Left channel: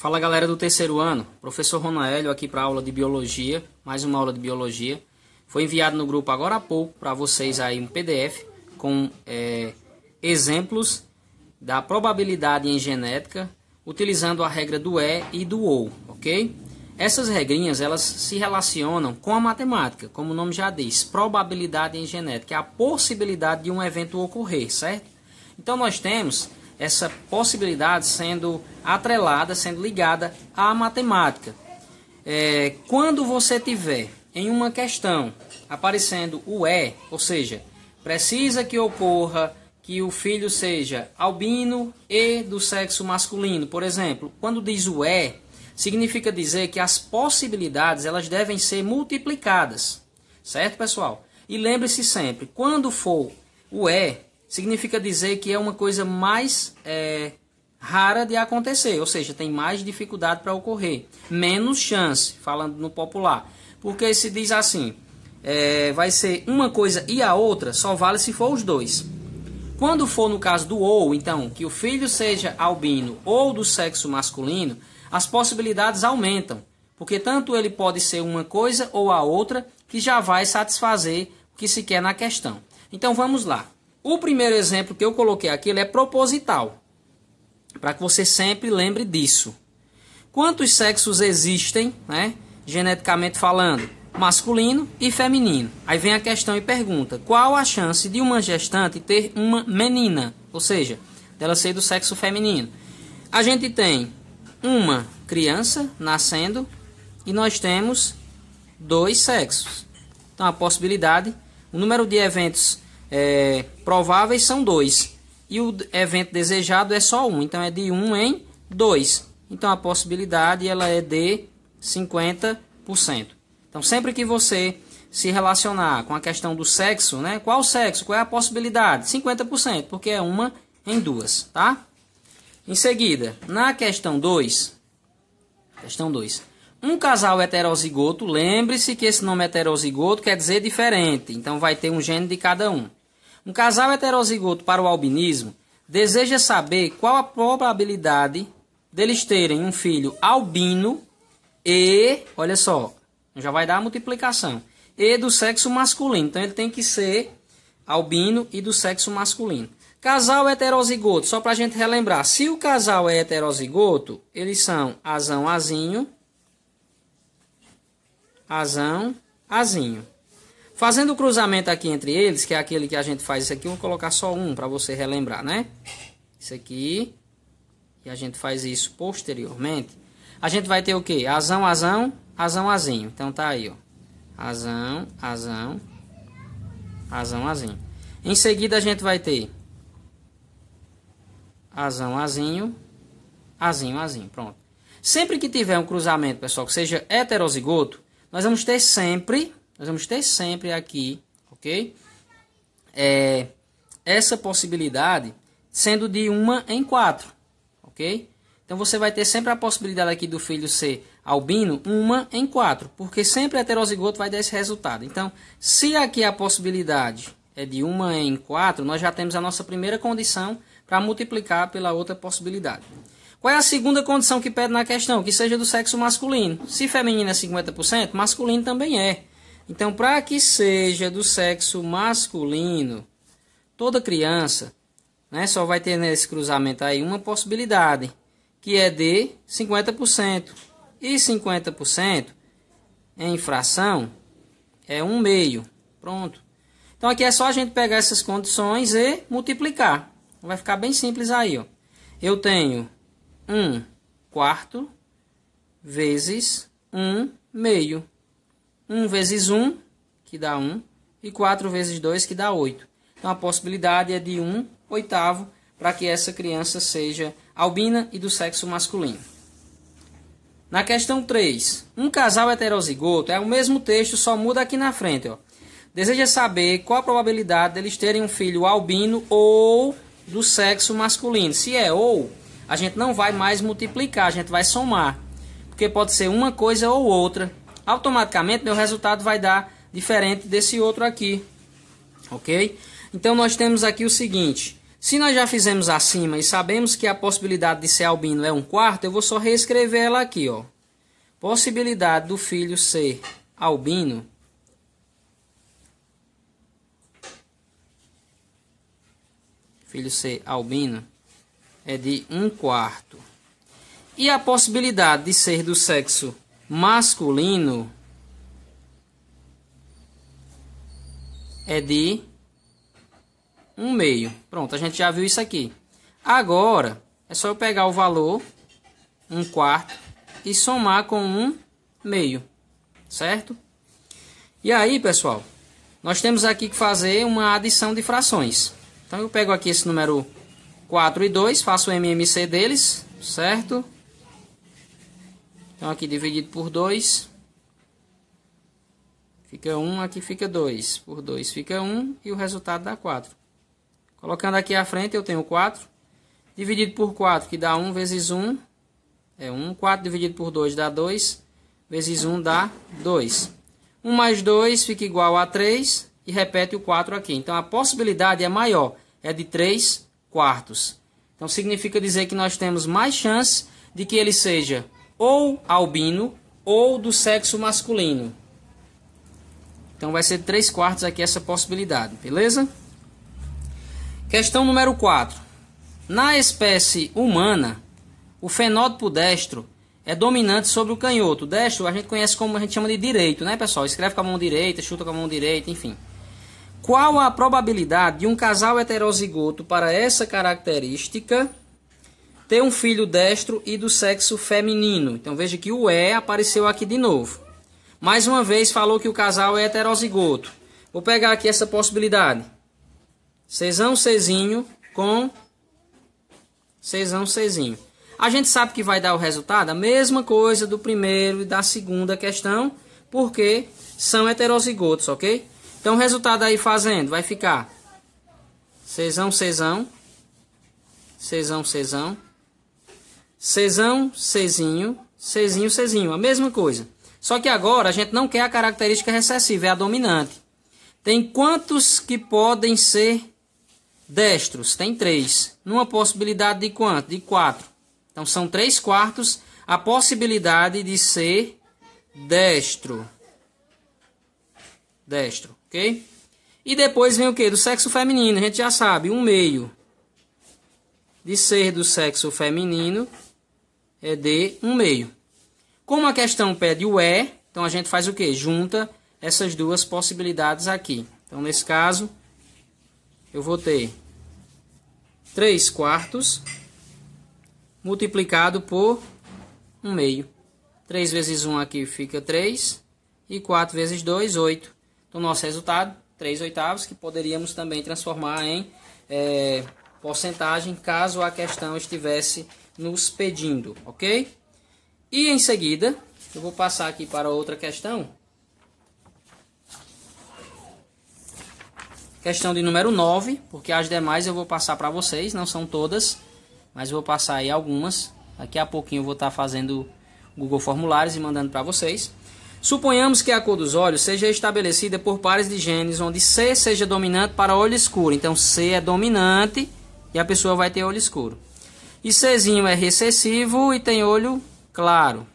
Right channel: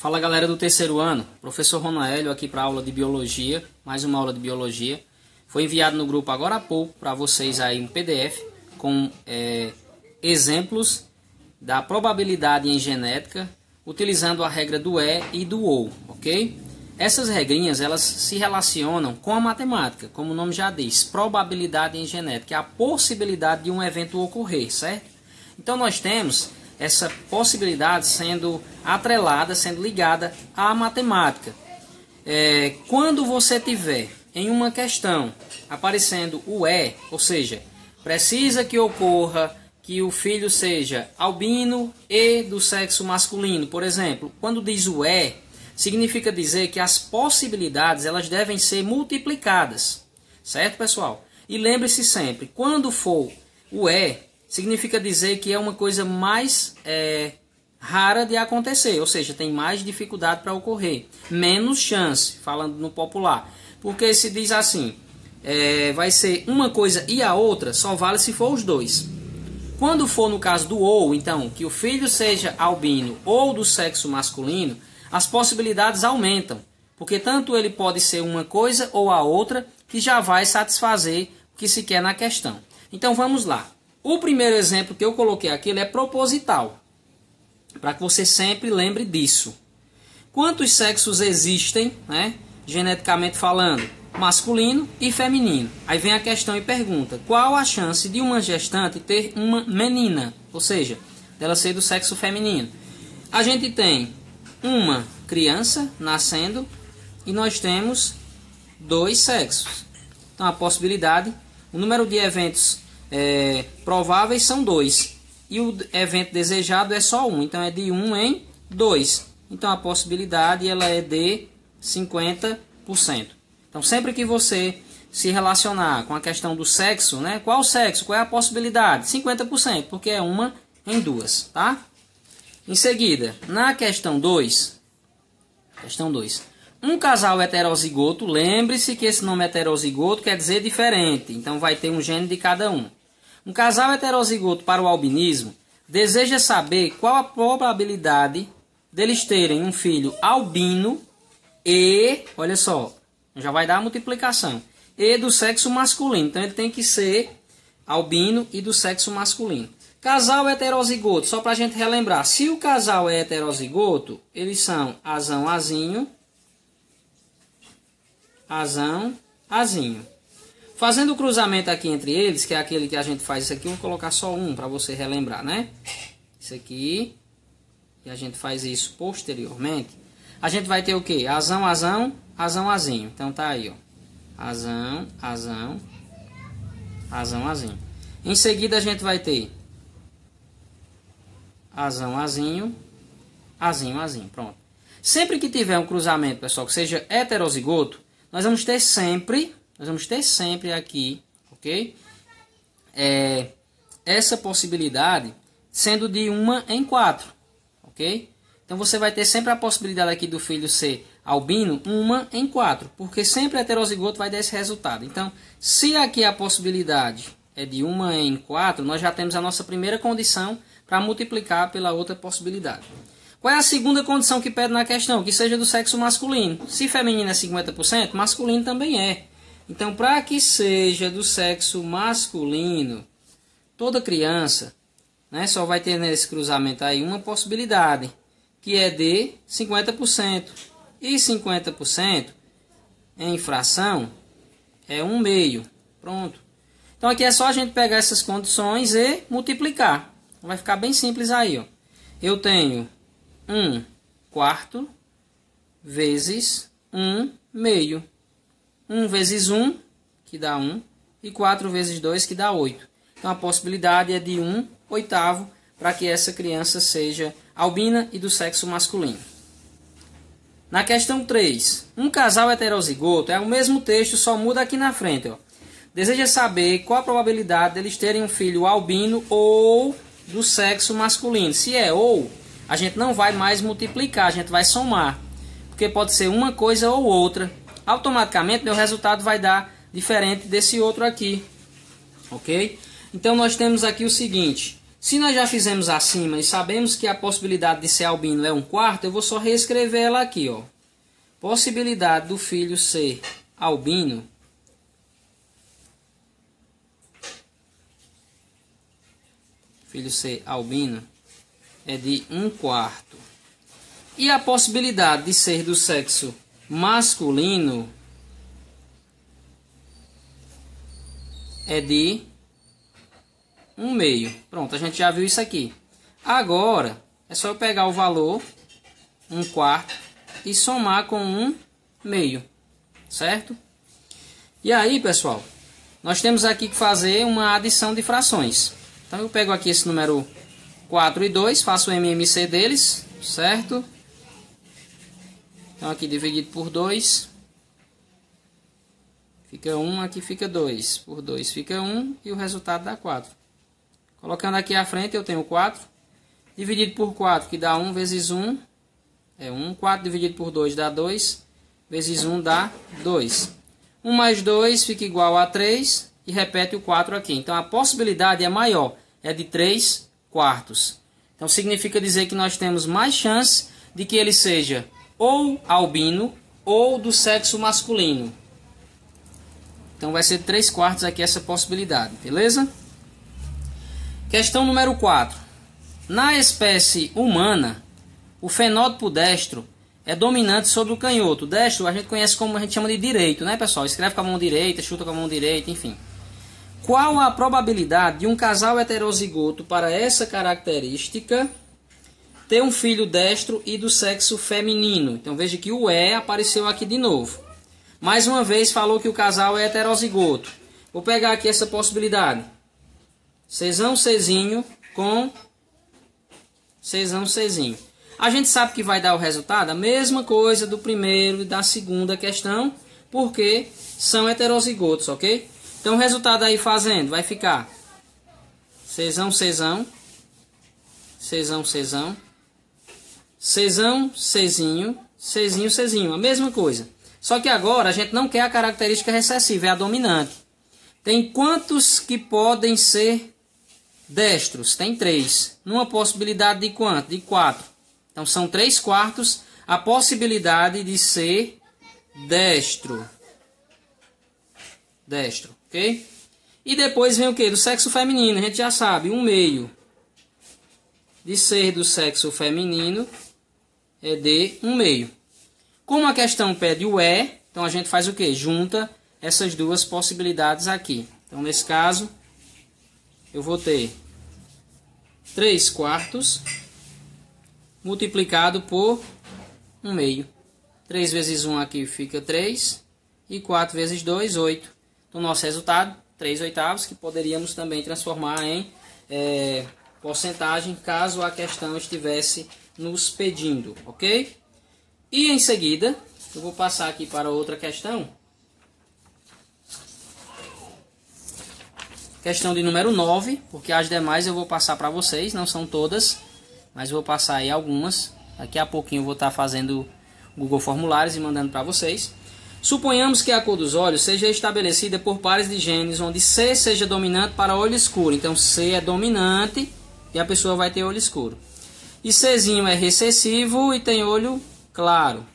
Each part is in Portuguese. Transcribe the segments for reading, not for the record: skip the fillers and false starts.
Fala galera do terceiro ano, professor Ronaélio aqui para aula de Biologia, mais uma aula de Biologia. Foi enviado no grupo agora há pouco para vocês aí um PDF com exemplos da probabilidade em genética, utilizando a regra do E e do OU, ok? Essas regrinhas elas se relacionam com a matemática, como o nome já diz, probabilidade em genética, é a possibilidade de um evento ocorrer, certo? Então nós temos essa possibilidade sendo atrelada, sendo ligada à matemática. Quando você tiver em uma questão aparecendo o E, ou seja, precisa que ocorra que o filho seja albino e do sexo masculino, por exemplo, quando diz o E, significa dizer que as possibilidades elas devem ser multiplicadas, certo, pessoal? E lembre-se sempre, quando for o E, significa dizer que é uma coisa mais rara de acontecer, ou seja, tem mais dificuldade para ocorrer, menos chance, falando no popular. Porque se diz assim, vai ser uma coisa e a outra, só vale se for os dois. Quando for no caso do ou, então, que o filho seja albino ou do sexo masculino, as possibilidades aumentam, porque tanto ele pode ser uma coisa ou a outra, que já vai satisfazer o que se quer na questão. Então vamos lá. O primeiro exemplo que eu coloquei aqui ele é proposital, para que você sempre lembre disso. Quantos sexos existem, né, geneticamente falando, masculino e feminino? Aí vem a questão e pergunta, qual a chance de uma gestante ter uma menina, ou seja, dela ser do sexo feminino? A gente tem uma criança nascendo e nós temos dois sexos. Então a possibilidade, o número de eventos prováveis são 2 e o evento desejado é só 1, então é de 1 em 2, então a possibilidade ela é de 50%. Então sempre que você se relacionar com a questão do sexo, né, qual sexo, qual é a possibilidade? 50%, porque é 1 em 2, tá? Em seguida, na questão 2, um casal heterozigoto, lembre-se que esse nome heterozigoto quer dizer diferente, então vai ter um gene de cada um. Um casal heterozigoto para o albinismo deseja saber qual a probabilidade deles terem um filho albino e, olha só, já vai dar a multiplicação, e do sexo masculino. Então ele tem que ser albino e do sexo masculino. Casal heterozigoto, só para a gente relembrar, se o casal é heterozigoto, eles são azão, azinho, azão, azinho. Fazendo o cruzamento aqui entre eles, que é aquele que a gente faz isso aqui, eu vou colocar só um para você relembrar, né? Isso aqui, e a gente faz isso posteriormente. A gente vai ter o quê? Azão, azão, azão, azinho. Então tá aí, ó. Azão, azão, azão, azinho. Em seguida a gente vai ter azão, azinho, azinho, azinho. Pronto. Sempre que tiver um cruzamento, pessoal, que seja heterozigoto, nós vamos ter sempre aqui, ok? Essa possibilidade sendo de 1 em 4, ok? Então você vai ter sempre a possibilidade aqui do filho ser albino 1 em 4, porque sempre heterozigoto vai dar esse resultado. Então, se aqui a possibilidade é de 1 em 4, nós já temos a nossa primeira condição para multiplicar pela outra possibilidade. Qual é a segunda condição que pede na questão? Que seja do sexo masculino. Se feminino é 50%, masculino também é. Então, para que seja do sexo masculino, toda criança, né, só vai ter nesse cruzamento aí uma possibilidade, que é de 50%. E 50% em fração é 1/2. Pronto. Então, aqui é só a gente pegar essas condições e multiplicar. Vai ficar bem simples aí, ó. Eu tenho 1/4 vezes 1/2. 1 vezes 1, que dá 1, e 4 vezes 2, que dá 8. Então, a possibilidade é de 1/8 para que essa criança seja albina e do sexo masculino. Na questão 3, um casal heterozigoto, é o mesmo texto, só muda aqui na frente, ó. Deseja saber qual a probabilidade deles terem um filho albino ou do sexo masculino. Se é ou, a gente não vai mais multiplicar, a gente vai somar, porque pode ser uma coisa ou outra. Automaticamente meu resultado vai dar diferente desse outro aqui, ok? Então nós temos aqui o seguinte, Se nós já fizemos acima e sabemos que a possibilidade de ser albino é 1/4, eu vou só reescrever ela aqui, ó. Possibilidade do filho ser albino é de 1/4. E a possibilidade de ser do sexo masculino é de 1/2. Pronto, a gente já viu isso aqui. Agora, é só eu pegar o valor 1/4 e somar com 1/2, certo? E aí, pessoal, nós temos aqui que fazer uma adição de frações. Então, eu pego aqui esse número 4 e 2, faço o MMC deles, certo? Então, aqui dividido por 2, fica 1, aqui fica 2. Por 2 fica 1 e o resultado dá 4. Colocando aqui à frente, eu tenho 4. Dividido por 4, que dá 1 vezes 1, é 1. 4 dividido por 2 dá 2. Vezes 1 dá 2. 1 mais 2 fica igual a 3. E repete o 4 aqui. Então, a possibilidade é maior. É de 3/4. Então, significa dizer que nós temos mais chance de que ele seja ou albino ou do sexo masculino. Então, vai ser de 3/4 aqui essa possibilidade. Beleza? Questão número 4. Na espécie humana, o fenótipo destro é dominante sobre o canhoto. Destro a gente conhece como a gente chama de direito, né, pessoal? Escreve com a mão direita, chuta com a mão direita, enfim. Qual a probabilidade de um casal heterozigoto para essa característica ter um filho destro e do sexo feminino? Então veja que o E apareceu aqui de novo. Mais uma vez falou que o casal é heterozigoto. Vou pegar aqui essa possibilidade. Czão, Czinho com Czão, Czinho. A gente sabe que vai dar o resultado a mesma coisa do primeiro e da segunda questão, porque são heterozigotos, ok? Então, o resultado aí fazendo vai ficar Czão, Czão, Czão, Czão, Czão, Czinho, Czinho, Czinho. A mesma coisa. Só que agora a gente não quer a característica recessiva, é a dominante. Tem quantos que podem ser destros? Tem 3. Numa possibilidade de quanto? De 4. Então, são 3/4 a possibilidade de ser destro. Destro, ok? E depois vem o que? Do sexo feminino. A gente já sabe, 1/2 de ser do sexo feminino é de 1/2. Como a questão pede o E, então a gente faz o que? Junta essas duas possibilidades aqui. Então, nesse caso, eu vou ter 3/4 multiplicado por 1/2. 3 vezes 1 aqui fica 3. E 4 vezes 2, 8. Então, nosso resultado, 3/8, que poderíamos também transformar em porcentagem, caso a questão estivesse nos pedindo, ok? E em seguida, eu vou passar aqui para outra questão. Questão de número 9, porque as demais eu vou passar para vocês, não são todas, mas eu vou passar aí algumas. Daqui a pouquinho eu vou estar fazendo Google Formulários e mandando para vocês. Suponhamos que a cor dos olhos seja estabelecida por pares de genes, onde C seja dominante para olho escuro. Então, C é dominante e a pessoa vai ter olho escuro. E Czinho é recessivo e tem olho claro.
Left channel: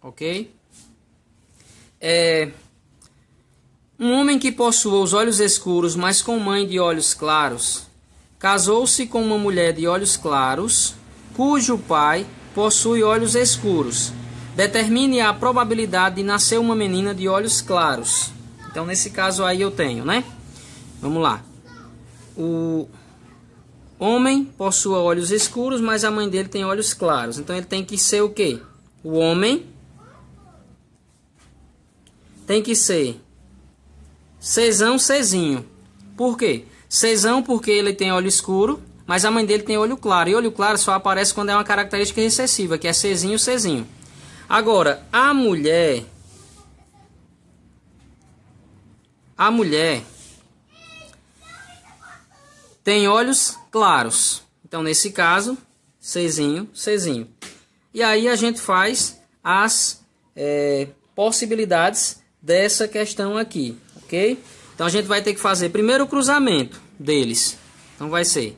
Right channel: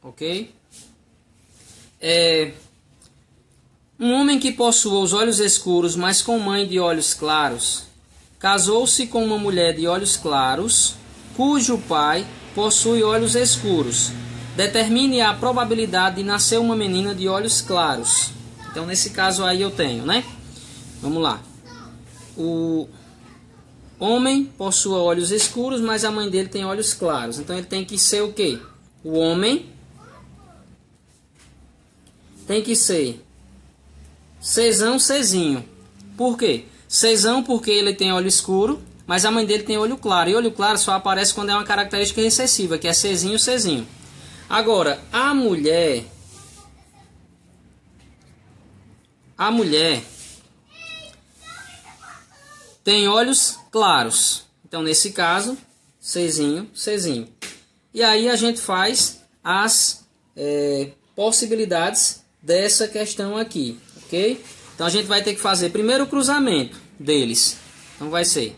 Ok? Um homem que possua os olhos escuros, mas com mãe de olhos claros, casou-se com uma mulher de olhos claros, cujo pai possui olhos escuros. Determine a probabilidade de nascer uma menina de olhos claros. Então, nesse caso aí eu tenho, né? Vamos lá. O homem possui olhos escuros, mas a mãe dele tem olhos claros. Então, ele tem que ser o quê? O homem tem que ser Czão, Czinho. Por quê? Czão porque ele tem olho escuro, mas a mãe dele tem olho claro. E olho claro só aparece quando é uma característica recessiva, que é Czinho, Czinho. Agora, a mulher tem olhos claros. Então, nesse caso, Czinho, Czinho. E aí a gente faz as possibilidades dessa questão aqui, ok? Então, a gente vai ter que fazer primeiro o cruzamento deles. Então, vai ser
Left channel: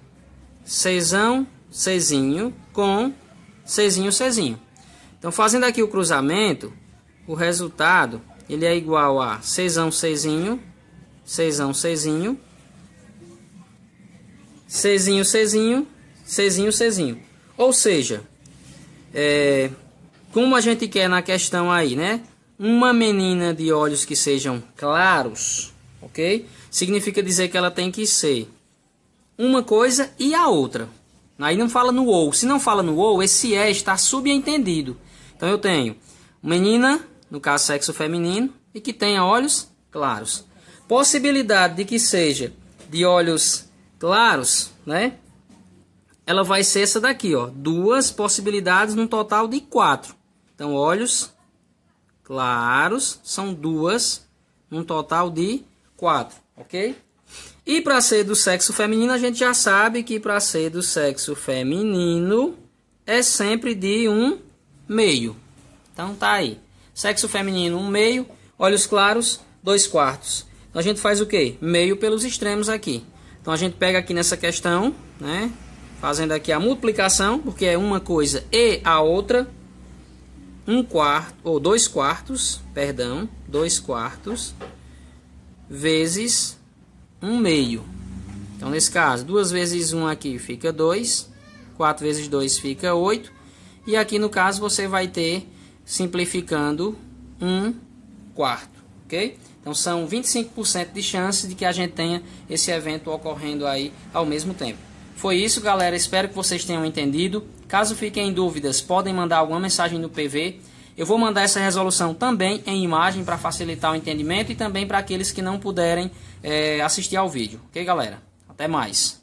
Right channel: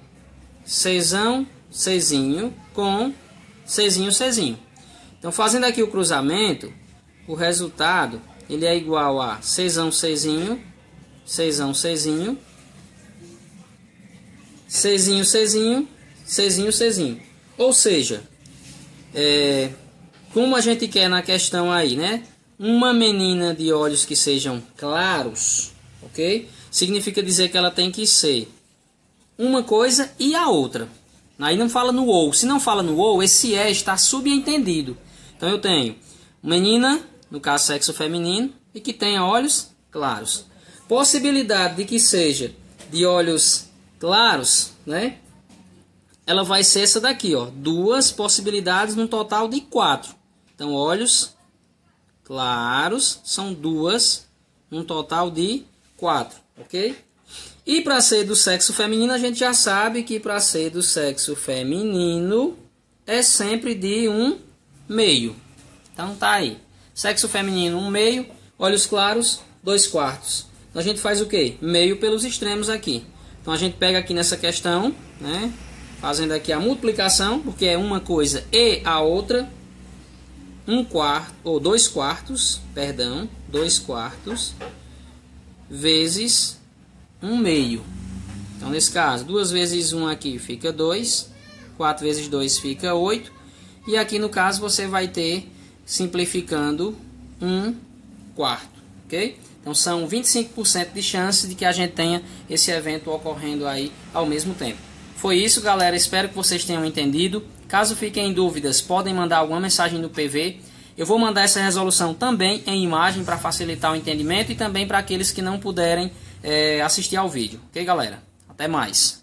Czão, Czinho com Czinho, Czinho. Então, fazendo aqui o cruzamento, o resultado ele é igual a Czão, Czinho, Czão, Czinho, Czinho, Czinho, Czinho, Czinho. Ou seja, como a gente quer na questão aí, né? Uma menina de olhos que sejam claros, ok? Significa dizer que ela tem que ser uma coisa e a outra. Aí não fala no ou. Se não fala no ou, esse está subentendido. Então eu tenho menina, no caso sexo feminino, e que tenha olhos claros. Possibilidade de que seja de olhos claros, né? Ela vai ser essa daqui, ó. 2 possibilidades num total de 4. Então, olhos claros são 2 num total de 4, ok? E para ser do sexo feminino, a gente já sabe que para ser do sexo feminino é sempre de 1/2. Então tá aí. Sexo feminino 1/2, olhos claros 2/4. Então a gente faz o quê? Meio pelos extremos aqui. Então a gente pega aqui nessa questão, né? Fazendo aqui a multiplicação, porque é uma coisa e a outra. 1/4 ou 2/4, perdão, 2/4 vezes 1/2. Então, nesse caso, 2 vezes 1 aqui fica 2, 4 vezes 2 fica 8, e aqui no caso você vai ter, simplificando, 1/4, ok? Então, são 25% de chance de que a gente tenha esse evento ocorrendo aí ao mesmo tempo. Foi isso, galera. Espero que vocês tenham entendido. Caso fiquem em dúvidas, podem mandar alguma mensagem no PV. Eu vou mandar essa resolução também em imagem para facilitar o entendimento e também para aqueles que não puderem assistir ao vídeo. Ok, galera? Até mais.